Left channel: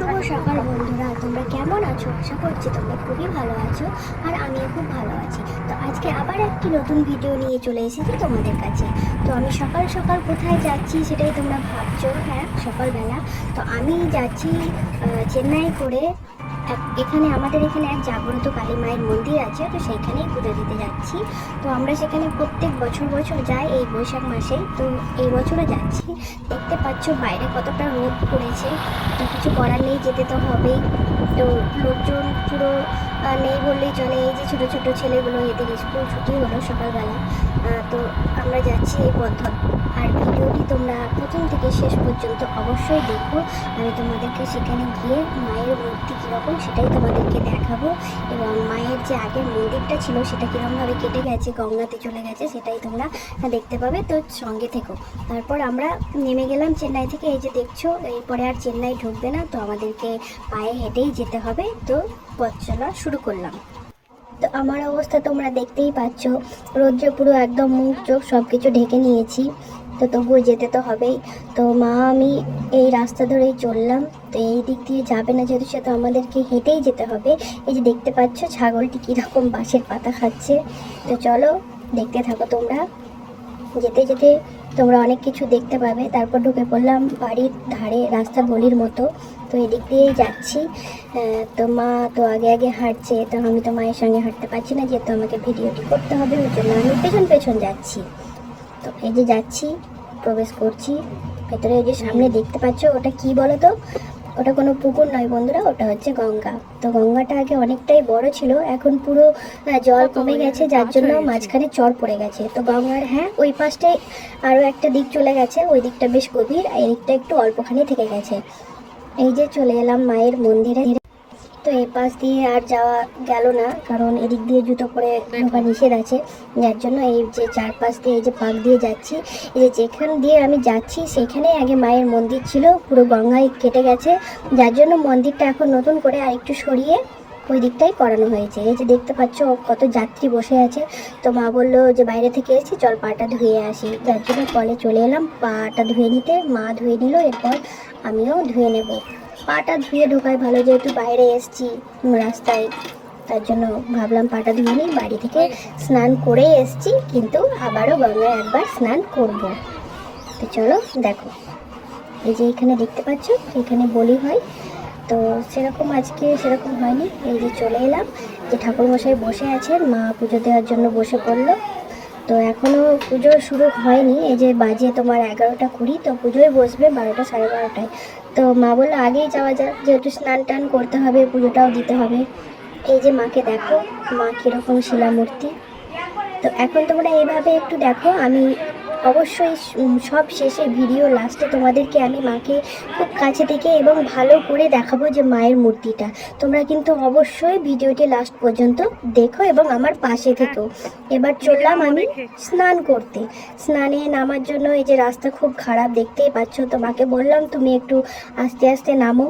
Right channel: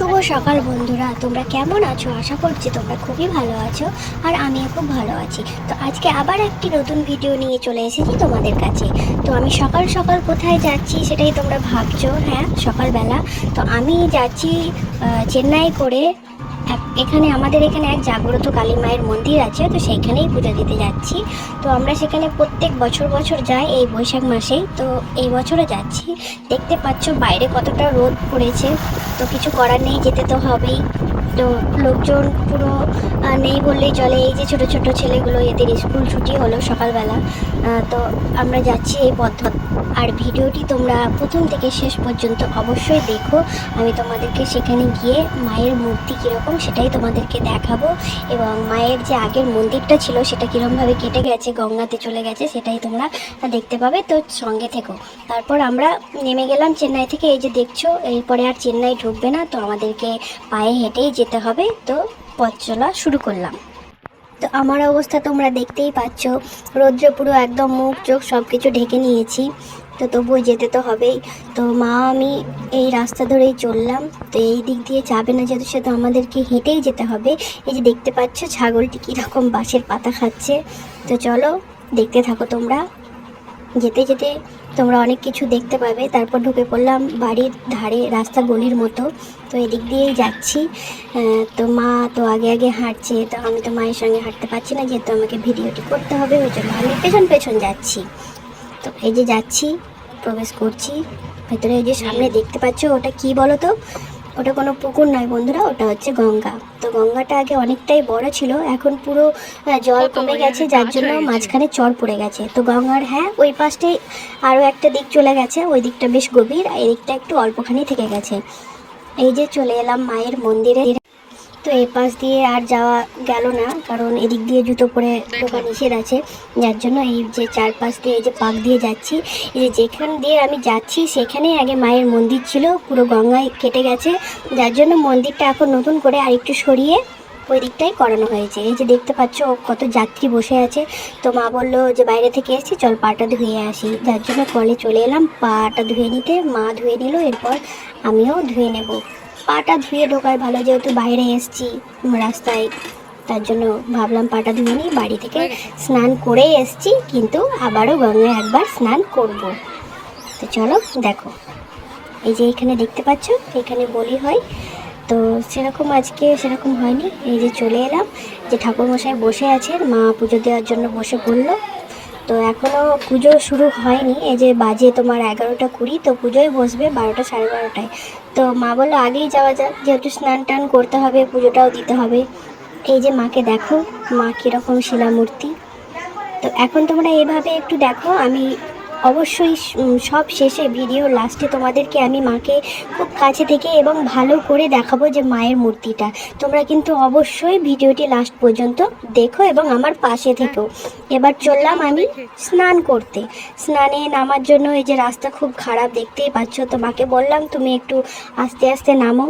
শুভ সকাল বন্ধুরা। তোমরা কেমন আছো? আশা করছি তোমরা খুবই ভালো আছো আর আমিও খুব ভালো আছি। তো আজকে আবার একটি নতুন ভিডিও নিয়ে চলে এসেছি তোমাদের কাছে। তো আমি সকাল সকাল কোথায় যাচ্ছি সেটাই তোমরা ভাবছ হ্যাঁ? সকালবেলা। তো আমি যাচ্ছি চেন্নাই করে এখানে আমাদের এখানে এক জাগ্রত কালী মায়ের মন্দির আছে, তো সেইখানেই পূজা দিতে যাচ্ছি। তো আমরা সেখানে প্রত্যেক বছর বছর যাই এই বৈশাখ মাসেই। তো এই বছরও যাচ্ছি। দেখতে পাচ্ছ বাইরে কতটা রোদ পড়েছে। তো কিছু করার নেই, যেতে তো হবেই। তো লোকজন পুরো নেই বললেই চলে। এই যে ছোট ছোট ছেলেগুলো, এদের স্কুল ছুটি হলো সকালবেলা। তো আমরা যাচ্ছি এই পথ আর ভিডিওটি তোমরা প্রথম থেকে শেষ পর্যন্ত অবশ্যই দেখো। আমি তোমাদেরকে সেখানে গিয়ে মায়ের মূর্তি কীরকম সেটাই তোমাদেরকে দেখাবো এবং মায়ের যে আগের মন্দিরটা ছিল সেটা কীরকমভাবে কেটে গেছে, গঙ্গাতে চলে গেছে সেটাই তোমরা দেখতে পাবে। তো সঙ্গে থেকো। তারপর আমরা নেমে গেলাম চেন্নাই থেকে। এই যে দেখছ, এরপরে আর চেন্নাই ঢুকবে না। তো আমাদেরকে পায়ে হেঁটেই যেতে হবে। তো পথ চলা শুরু করলাম। তো আমার অবস্থা তোমরা দেখতেই পাচ্ছ। রৌদ্র পুরো একদম মুখ, চোখ সব কিছু ঢেকে নিয়েছি। তো তবুও যেতে তো হবেই। তো মা, আমি এই রাস্তা ধরেই চললাম। তো এই দিক দিয়ে যাবে না যেহেতু সে তো আমাদেরকে হেঁটেই যেতে হবে। এই যে দেখতে পাচ্ছ ছাগলটি কীরকম বাঁশের পাতা খাচ্ছে। তো চলো দেখতে থাকো তোমরা। যেতে যেতে তোমরা অনেক কিছু দেখতে পাবে। তারপর ঢুকে পড়লাম বাড়ির ধারে রাস্তা গলির মতো। তো এদিক দিয়েই যাচ্ছি। তো মা তো আগে আগে হাঁটছে, তো আমি তো মায়ের সঙ্গে হাঁটতে পারছি না, যেহেতু আমাকে ভিডিওটি করতে হবে, ওই জন্য আমি পেছন পেছন যাচ্ছি। তো এই যে যাচ্ছি, প্রবেশ করছি। ভেতরে এই যে সামনে দেখতে পাচ্ছ, ওটা কি বলো তো ওটা কোনো পুকুর নয় বন্ধুরা ওটা হচ্ছে গঙ্গা। তো গঙ্গাটা আগে অনেকটাই বড় ছিল এখন পুরো জল কমে গেছে যার জন্য মাঝখানে চর পড়ে গেছে। তো গঙ্গার হ্যাঁ ওই পাশটাই আরও একটা দিক চলে গেছে ওই দিকটা বেশ গভীর আর এই দিকটা একটু অল্পখানি থেকে গেছে। এই যে চলে এলাম মায়ের মন্দিরে। তো এই পাশ দিয়ে আর যাওয়া গেল না কারণ এদিক দিয়ে জুতো পরে ঢোকা নিষেধ আছে। যার জন্য এই যে চারপাশ দিয়ে এই যে পাক দিয়ে যাচ্ছি এই যে যেখান দিয়ে আমি যাচ্ছি সেখানেই আগে মায়ের মন্দির ছিল পুরো গঙ্গায় কেটে গেছে। যার জন্য মন্দিরটা এখন নতুন করে আর একটু সরিয়ে ওই দিকটাই করানো হয়েছে। এই যে দেখতে পাচ্ছ কত যাত্রী বসে আছে। তো মা বলল যে বাইরে থেকে এসেছি চল পাটা ধুয়ে আসি। যার জন্য কলে চলে এলাম পাটা ধুয়ে নিতে। মা ধুয়ে দিল এরপর আমিও ধুয়ে নেব। পাটা ধুয়ে ঢোকায় ভালো যেহেতু বাইরে এসছি রাস্তায় তার জন্য ভাবলাম পাটা ধুয়ে নিই বাড়ি থেকে স্নান করে এসছি কিন্তু আবারও গঙ্গায় একবার স্নান করব। তো চলো দেখো। এই যে এখানে দেখতে পাচ্ছ এখানে বলি হয়। তো সেরকম আজকে সেরকম হয়নি এই যে চলে এলাম যে ঠাকুরমশাই বসে আছেন মা পুজো দেওয়ার জন্য বসে পড়ল। তো এখনও পুজো শুরু হয়নি এই যে বাজে তোমার এগারোটা কুড়ি তো পুজোয় বসবে বারোটা সাড়ে বারোটায়। তো মা বলল, আগেই যাওয়া যাক, যেহেতু স্নান টান করতে হবে, পুজোটাও দিতে হবে। এই যে মাকে দেখো, মা কীরকম শিলামূর্তি। তো এখন তোমরা এভাবে একটু দেখো, আমি অবশ্যই সব শেষে ভিডিও লাস্টে তোমাদেরকে আমি মাকে খুব কাছে থেকে এবং ভালো করে দেখাবো যে মায়ের মূর্তিটা। তোমরা কিন্তু অবশ্যই ভিডিওটি লাস্ট পর্যন্ত দেখো এবং আমার পাশে থেকো। এবার চললাম আমি স্নান করতে। স্নানে নামার জন্য এই যে রাস্তা খুব খারাপ দেখতেই পাচ্ছ তোমাকে বললাম, তুমি একটু আস্তে আস্তে নামো।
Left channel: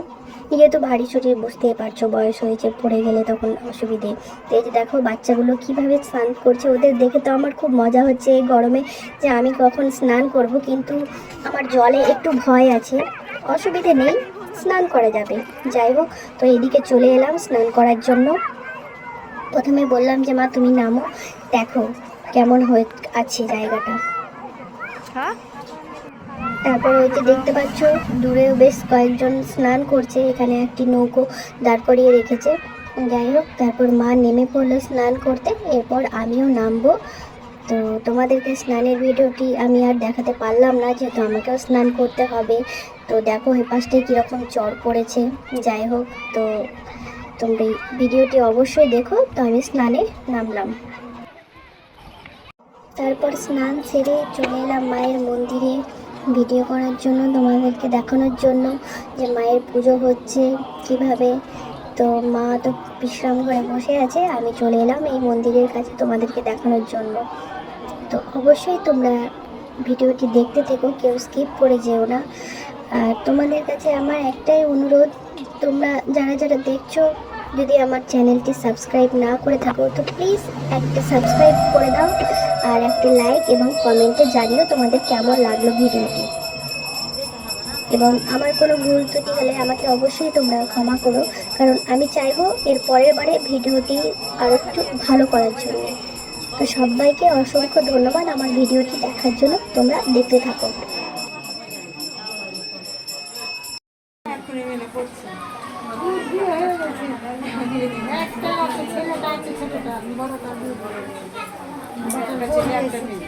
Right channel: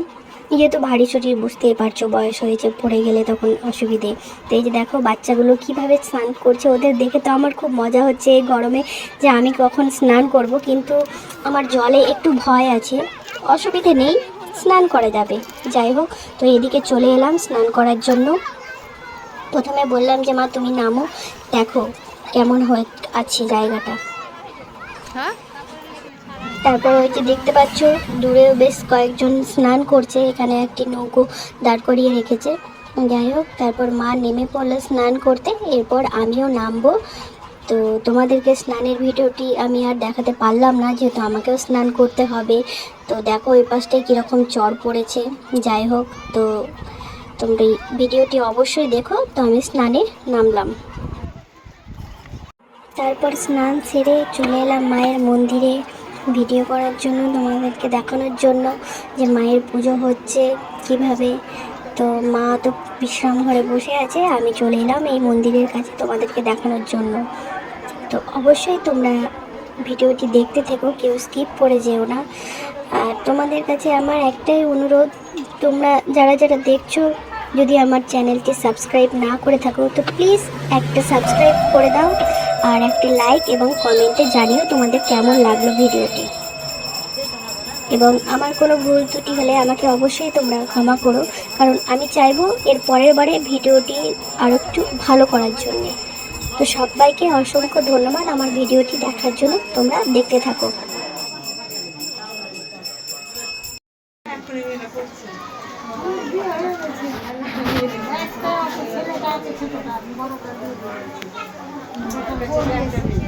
যেহেতু ভারী শরীর বুঝতেই পারছ, বয়স হয়েছে, পড়ে গেলে তখন অসুবিধে। তো এই যে দেখো, বাচ্চাগুলো কীভাবে স্নান করছে, ওদের দেখে তো আমার খুব মজা হচ্ছে এই গরমে যে আমি কখন স্নান করব, কিন্তু আমার জলে একটু ভয় আছে। অসুবিধে নেই, স্নান করা যাবে। যাই হোক, তো এদিকে চলে এলাম স্নান করার জন্য। প্রথমে বললাম যে, মা, তুমি নামো, দেখো কেমন হয়ে, আছে জায়গাটা। হ্যাঁ? তারপর হচ্ছে দেখতে পাচ্ছ, দূরে বেশ কয়েকজন স্নান করছে, এখানে একটি নৌকো দাঁড় করিয়ে রেখেছে। যাই হোক, তারপর মা নেমে পড়ল স্নান করতে, এরপর আমিও নামবো। তো তোমাদেরকে স্নানের ভিডিওটি আমি আর দেখাতে পারলাম না, যেহেতু আমাকেও স্নান করতে হবে। তো দেখো ওই পাশটায় কীরকম চর পড়েছে, যাই হোক। তো তোমরা ভিডিওটি অবশ্যই দেখো, তো আমি স্নানে নামলাম। তারপর স্নান সেরে চলে এলাম মায়ের মন্দিরে। ভিডিও করার জন্য, তোমাদেরকে দেখানোর জন্য যে মায়ের পুজো হচ্ছে কীভাবে। তো মা তো বিশ্রাম ঘরে বসে আছে, আমি চলে এলাম এই মন্দিরের কাছে তোমাদেরকে দেখানোর জন্য। তো অবশ্যই তোমরা ভিডিওটি দেখতে থেকো, কেউ স্কিপ করে যেও না। আর তোমাদের কাছে আমার একটাই অনুরোধ, তোমরা যারা যারা দেখছ, যদি আমার চ্যানেলটি সাবস্ক্রাইব না করে থাকো, তো প্লিজ একটা সাবস্ক্রাইব করে দাও। আর একটি লাইক এবং কমেন্টে জানিও তোমাদের কেমন লাগল ভিডিওটি এবং আমার কোনো ভুল ত্রুটি হলে আমাকে অবশ্যই তোমরা ক্ষমা করো, কারণ আমি চাইব এর পরের বারে ভিডিওটি আরও একটু ভালো করার জন্য। তো সবাইকে অসংখ্য ধন্যবাদ আমার ভিডিওটি দেখার জন্য। তোমরা দেখতে থাকো। 谢谢。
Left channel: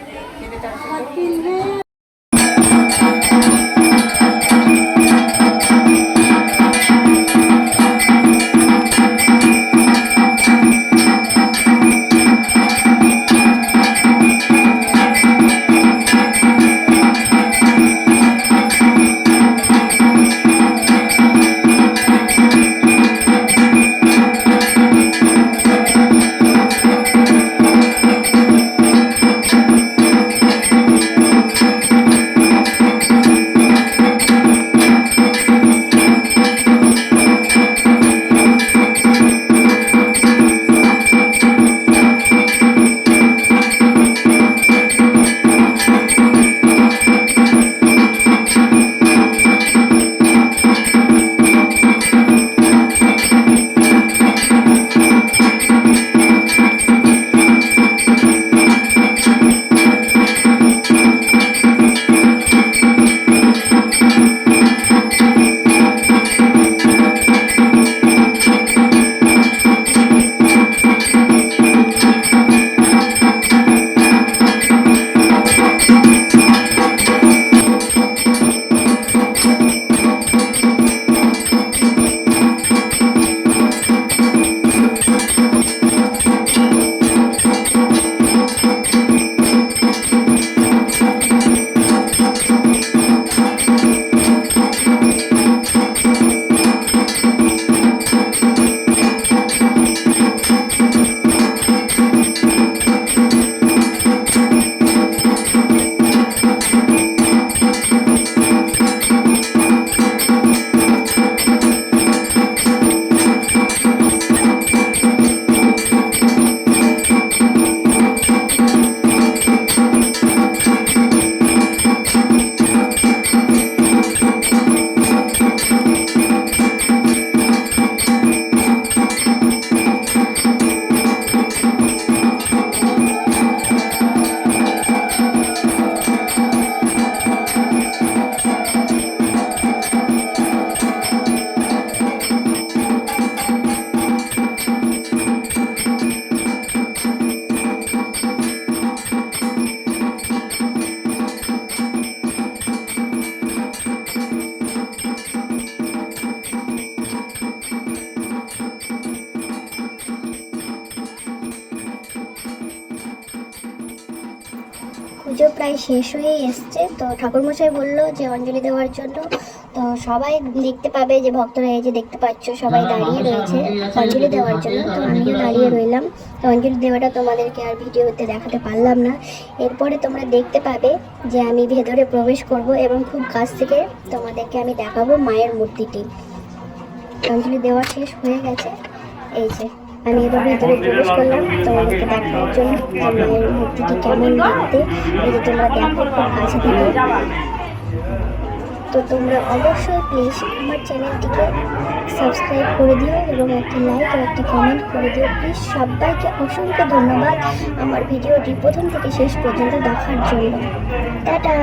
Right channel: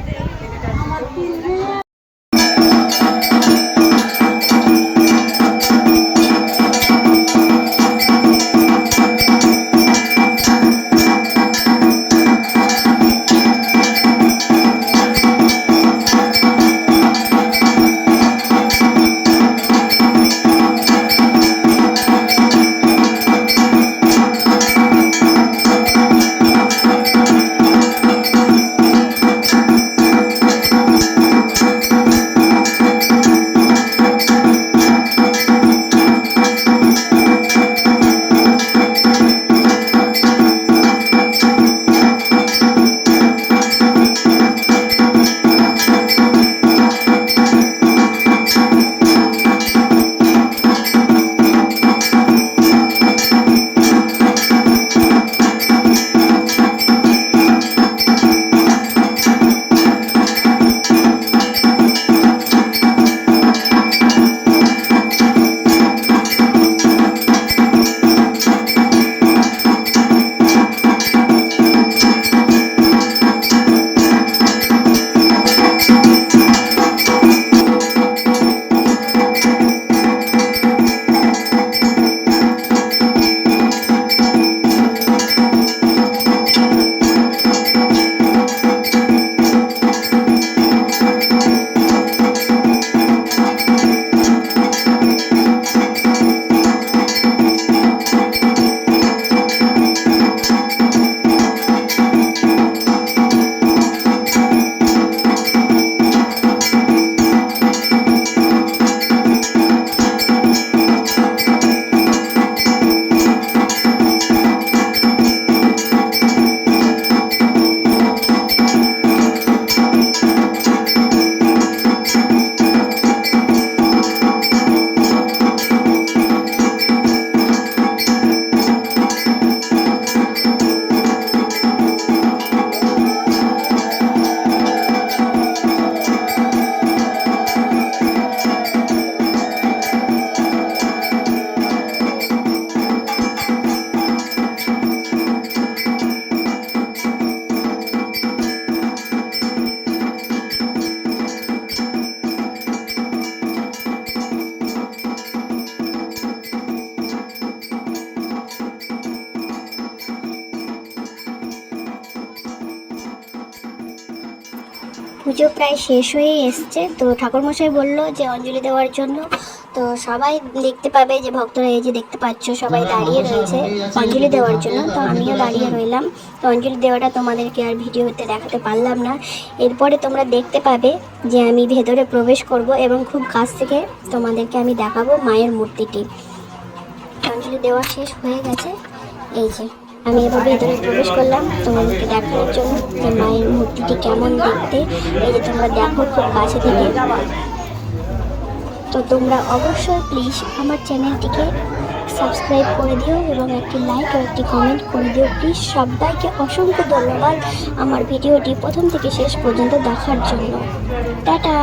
পুজো প্রায় শেষ হয়ে এসছে। তো ঠাকুরমশাই বলল যে অঞ্জলি দেওয়ার জন্য। তো সবাই দেখতে পাবে যে ভক্তরা এই যে দেখতে পাচ্ছ সবাই দাঁড়িয়ে রয়েছে। অঞ্জলি দেওয়ার জন্য। তো আমিও দাঁড়িয়ে রইলাম। তো অঞ্জলি দেওয়াটা তোমাদেরকে আর ভিডিওতে দেখাতে পারলাম না। এরপরে তোমরা দেখতে পাবে যে আমি ভেতরে প্রবেশ করব এবং খুব কাছ থেকে তোমাদেরকে আমি দেখাবো মায়ের মূর্তিটি। অঞ্জলি দেওয়া শেষ হয়ে গেছে। এই যে। আমি এভাবে ভেতরে প্রবেশ করলাম। তোমাদেরকে দেখানোর জন্য যে মায়ের মূর্তিটি কেমন দেখতে, এই যে তোমরা দেখো কাছে থেকে। তো তোমরা অবশ্যই প্লিজ আমার চ্যানেলটিকে সাবস্ক্রাইব করে দিও এবং একটি লাইক ও একটি কমেন্ট করে দিও। প্লিজ সবাইকে অসংখ্য ধন্যবাদ আমার ভিডিওটি প্রথম থেকে শেষ পর্যন্ত দেখার জন্য। টাটা!